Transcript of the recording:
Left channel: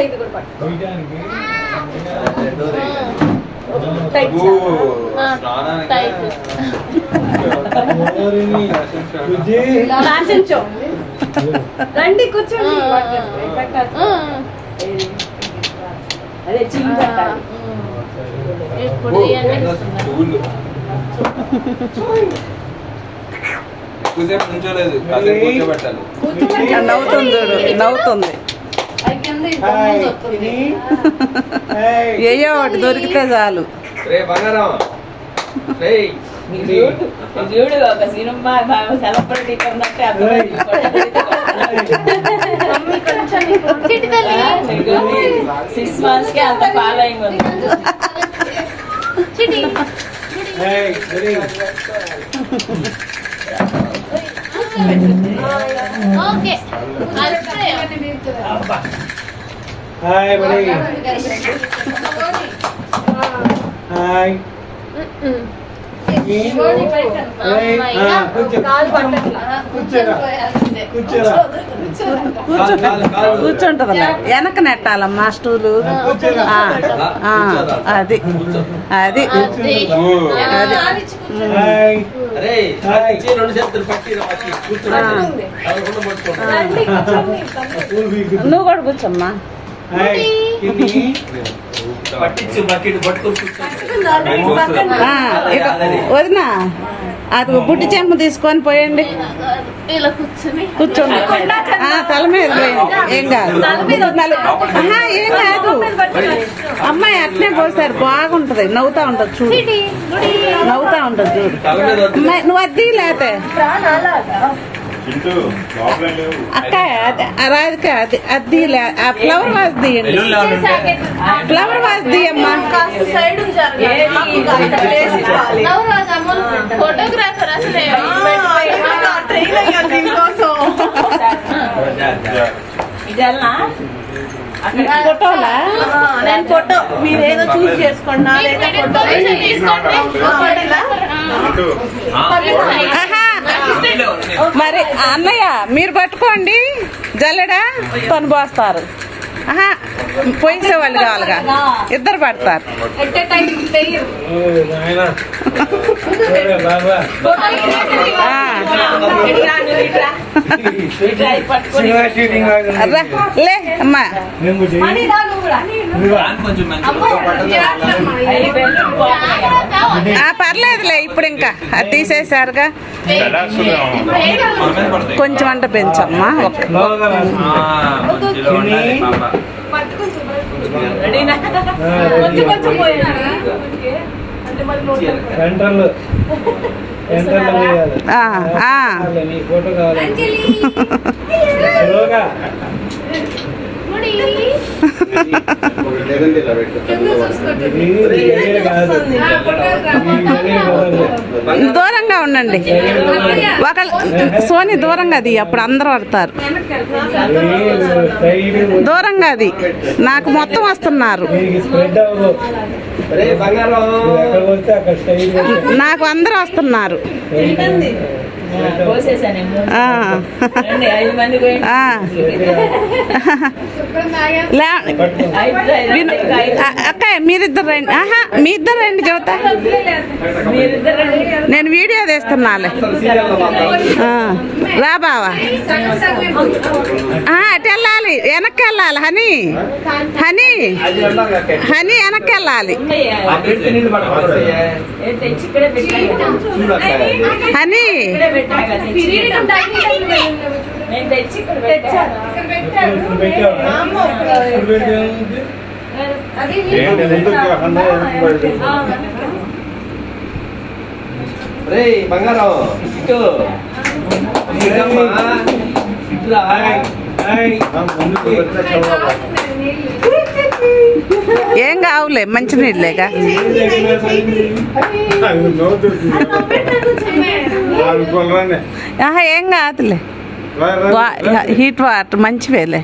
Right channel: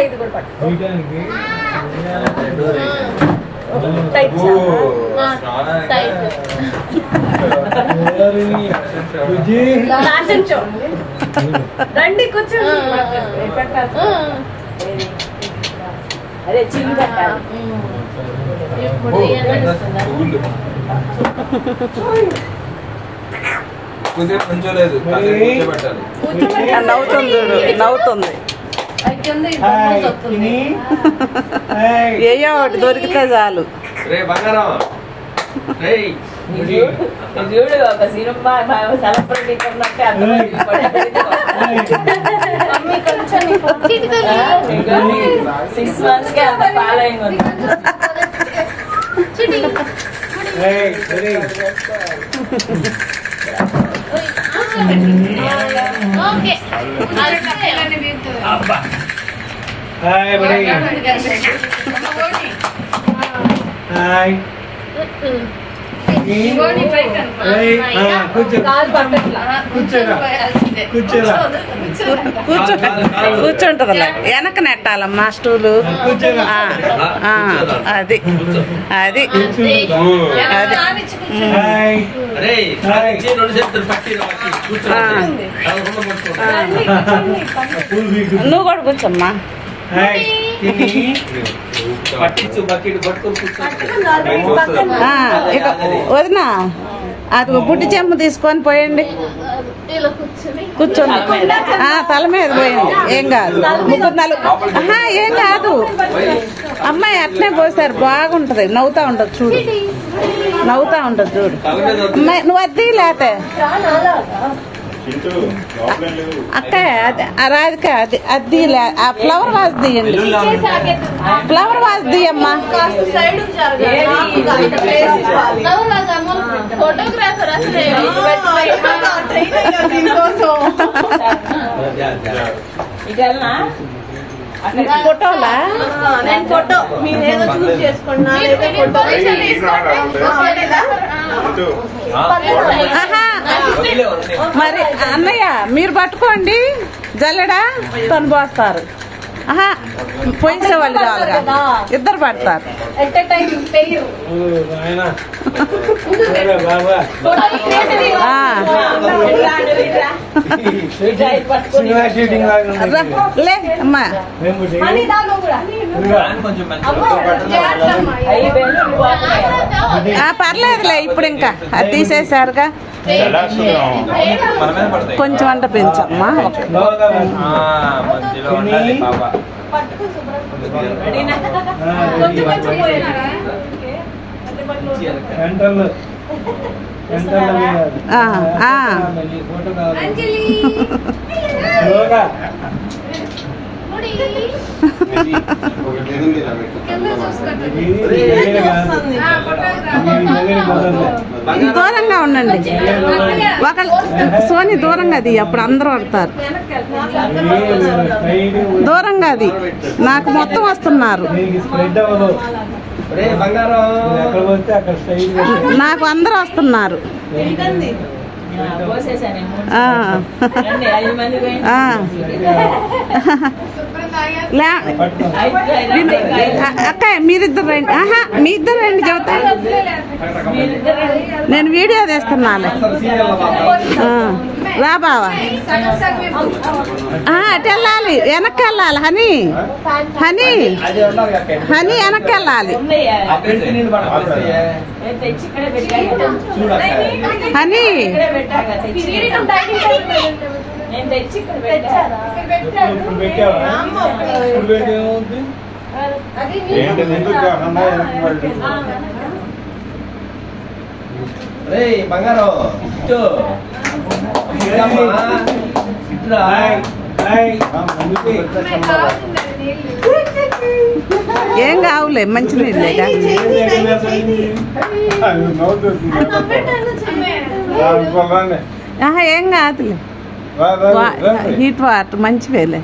ఇది కూడా పట్టు రండి కూర్చోండి అదే చిన్న పెట్టాలి నవ్వుతుంది చూడు నవ్వుతుంది ఏయో ఒకటి దొరికితే చాలు చూడు ఒక సినిమా సెలబ్రిటీ కన్నట్టు 6 months కే అంత ఫాలోయింగ్ ఉంది హాయ్ బడి హాయ్ కూర్చుంటదిలే వెనక నెట్టాలమ్మా స్టూలు అది అది అది నువ్వు కూడా కూర్చోమ్మా వదినా అది బుట్టి చెంపు తీసుకొని పోయండి కూర్చోండి తల మీద పోయింది ఏం కాదు ఏం కాదు అమ్మాయి అట్నే పోసారు బాగుంటది నవ్వుతా ఉంటది చూడు నవ్వుతా ఉంటది చూడు అమ్మాయి నువ్వు అద్దీ లేతే అక్క రాధిక అద్దీ ఆ ఫ్లవర్ వాజ్ తీయండి ఫ్లవర్ వాజ్ తీయమ్మా ఫోటోలా ఫోటో మీరేదో చూస్ చేసుకోండి మరి అన్నయ్య మీరు పట్టుకోండి జల్లెడా తను పోస్తారు పోయించే వాళ్ళు కావాలిగా ఇద్దరు పడతారు లే అమ్మా పర్లేదులే ఇప్పుడు ఇంకా అది తీసేసారుగా కొంచెం అంట పెంచమ్మా దూరంగా ఉండండి ఒక సోని దూరంగా అది అప్పుడు అందరూ పడతారు దూరంగా అది నాకు మొత్తం వస్తున్నారు నాకు అందరూ వస్తున్నారు అక్క మీరిద్దరు రండి మీ ఇద్దరు రండి చెబుతా నేను వీడియో తీస్తున్నాలే రా బావా అటు వెళ్ళాలి వెనక్కి వెళ్ళాలి హనీ హనీ హనీ వెనక్కి వెళ్ళాలి హనీ బంగారం ఏం కావులే మంచినీళ్ళేగా ఏం కాదులే హీట్ వాటర్ మంచివేలే